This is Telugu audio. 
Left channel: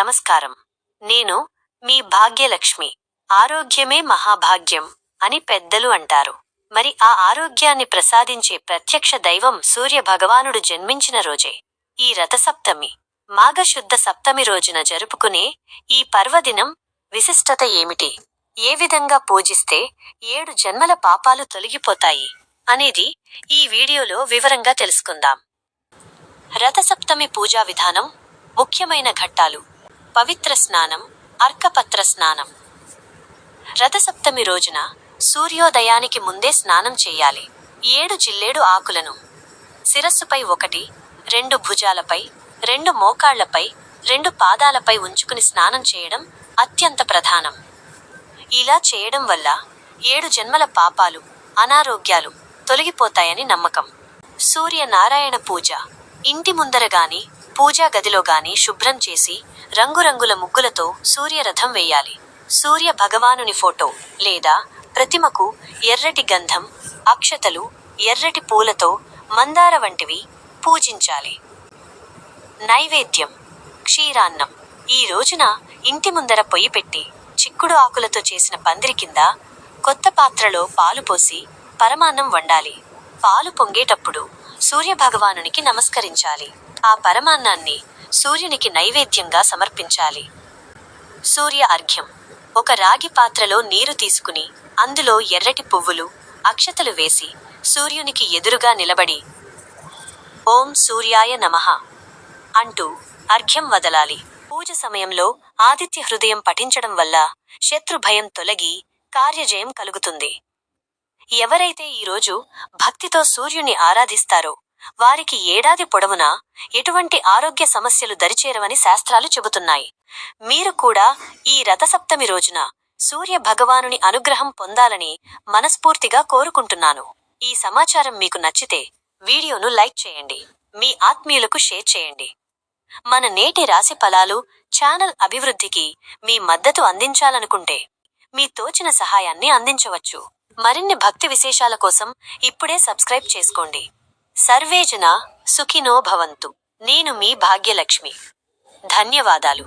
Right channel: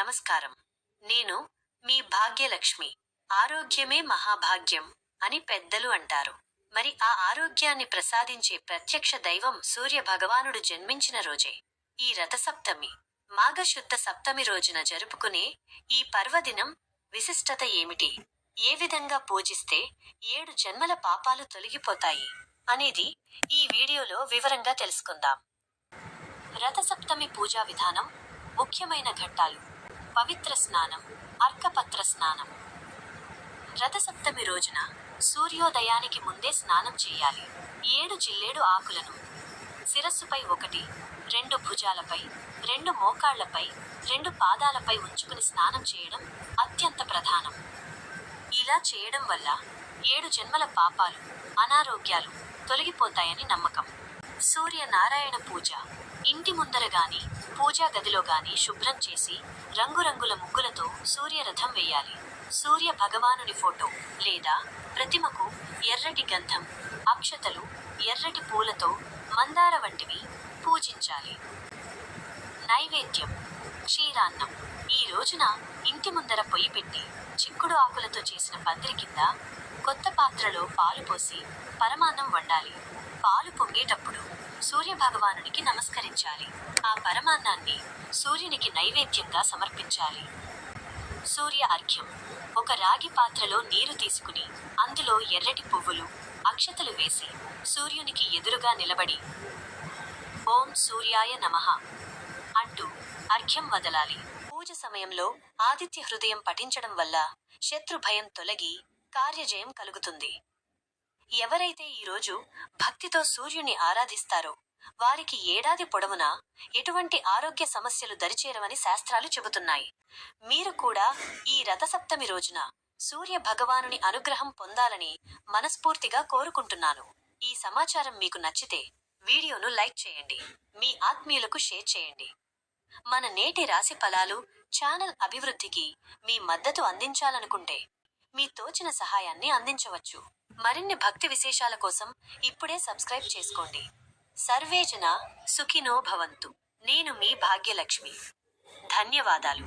నమస్కారం. నేను మీ భాగ్యలక్ష్మి. ఆరోగ్యమే మహాభాగ్యం అని పెద్దలు అంటారు. మరి ఆ ఆరోగ్యాన్ని ప్రసాదించే ప్రత్యక్ష దైవం సూర్య భగవానుడు జన్మించిన రోజే ఈ రథసప్తమి. మాఘశుద్ధ సప్తమి రోజున జరుపుకునే ఈ పర్వదినం విశిష్టత ఏమిటి? ఏ విధంగా పూజిస్తే 7 జన్మల పాపాలు తొలగిపోతాయి అనేది ఈ వీడియోలో వివరంగా తెలుసుకుందాం. రథసప్తమి పూజా విధానం. ముఖ్యమైన ఘట్టాలు: పవిత్ర స్నానం, అర్కపత్ర స్నానం. రథసప్తమి రోజున సూర్యోదయానికి ముందే స్నానం చేయాలి. 7 జిల్లేడు ఆకులను శిరస్సుపై 1, 2 భుజాలపై, 2 మోకాళ్లపై, 2 పాదాలపై ఉంచుకుని స్నానం చేయడం అత్యంత ప్రధానం. ఇలా చేయడం వల్ల 7 జన్మల పాపాలు, అనారోగ్యాలు తొలగిపోతాయని నమ్మకం. సూర్యనారాయణ పూజ. ఇంటి ముందర గాని, పూజా గదిలో గాని శుభ్రం చేసి రంగురంగుల ముగ్గులతో సూర్యరథం వేయాలి. సూర్య భగవానుని ఫోటో లేదా ప్రతిమకు ఎర్రటి గంధం, అక్షతలు, ఎర్రటి పూలతో మందార వంటివి పూజించాలి. నైవేద్యం: క్షీరాన్నం. ఈ రోజున ఇంటి ముందర పొయ్యి పెట్టి చిక్కుడు ఆకులతో చేసిన పందిరి కింద కొత్త పాత్రలో పాలు పోసి పరమాన్నం వండాలి. పాలు పొంగేటప్పుడు సూర్యభగవానునికి నమస్కరించాలి. ఆ పరమాన్నాన్ని సూర్యునికి నైవేద్యంగా సమర్పించాలి. సూర్య అర్ఘ్యం. ఒక రాగి పాత్రలో నీరు తీసుకుని అందులో ఎర్రటి పువ్వులు, అక్షతలు వేసి సూర్యునికి ఎదురుగా నిలబడి ఓం సూర్యాయ నమః అంటూ అర్ఘ్యం వదలాలి. పూజ సమయంలో ఆదిత్య హృదయం పఠించడం వల్ల శత్రు భయం తొలగి కార్యజయం కలుగుతుంది. ఎవరైతే ఈరోజు భక్తితో సూర్యుని ఆరాధిస్తారో వారికి ఏడాది పొడవునా ఎటువంటి ఆరోగ్య సమస్యలు దరిచేరవని శాస్త్రాలు చెబుతున్నాయి. మీరు కూడా ఈ రథసప్తమి రోజున సూర్య భగవానుని అనుగ్రహం పొందాలని మనస్ఫూర్తిగా కోరుకుంటున్నాను. ఈ సమాచారం మీకు నచ్చితే వీడియోను లైక్ చేయండి. మీ ఆత్మీయులకు షేర్ చేయండి. మన నేటి రాశి ఫలాలు ఛానల్ అభివృద్ధికి మీ మద్దతు అందించాలనుకుంటే మీ తోచిన సహాయాన్ని అందించవచ్చు. మరిన్ని భక్తి విశేషాల కోసం ఇప్పుడే సబ్స్క్రైబ్ చేసుకోండి. సర్వే జనా సుఖినో భవంతు. నేను మీ భాగ్యలక్ష్మి. ధన్యవాదాలు.